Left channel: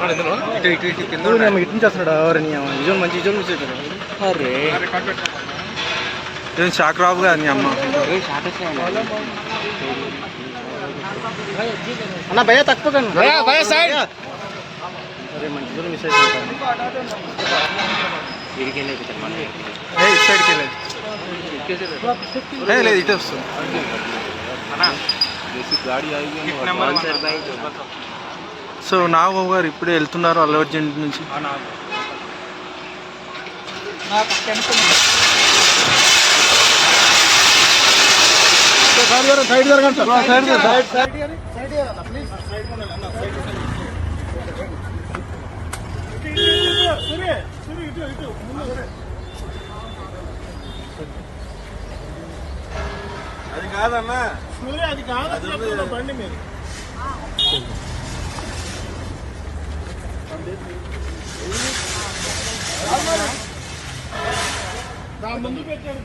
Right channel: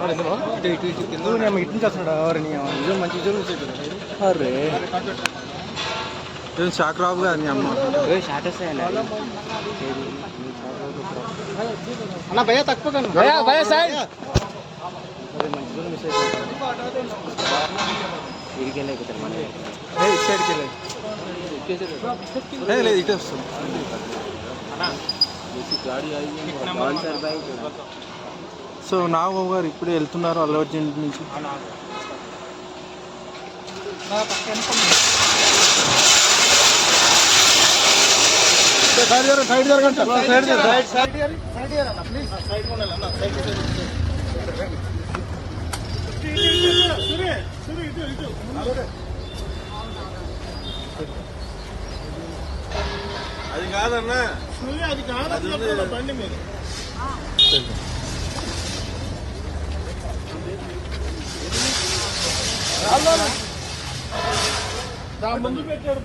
ఇటు ఇటు ఇటు కింద ఇటు నుంచి వస్తున్నాడు? ఎవరిని నిజం మంచి నిజం నుంచి అరే. ఏం షాక్ రావు కదా నీ అమ్మ అన్న భయ తక్కువ కానీ ఏ ఇటు సైడ్కి వెళ్ళేది లేదు ఇటే వస్తుంది. సో నాగబాబు గారు ఇప్పుడే వెళ్తున్నారు అల్లు అర్జున్ నుంచి. సైడ్ జరగండి సైడ్ జరగండి సైడ్ సైడ్ సైడ్ సైడ్ జరగండి ప్లీజ్ సైడ్ ఉండాలి అన్న సైడ్ అది కాదన్నా అది కాదు బండి Tamam. Bunu bekliyorum.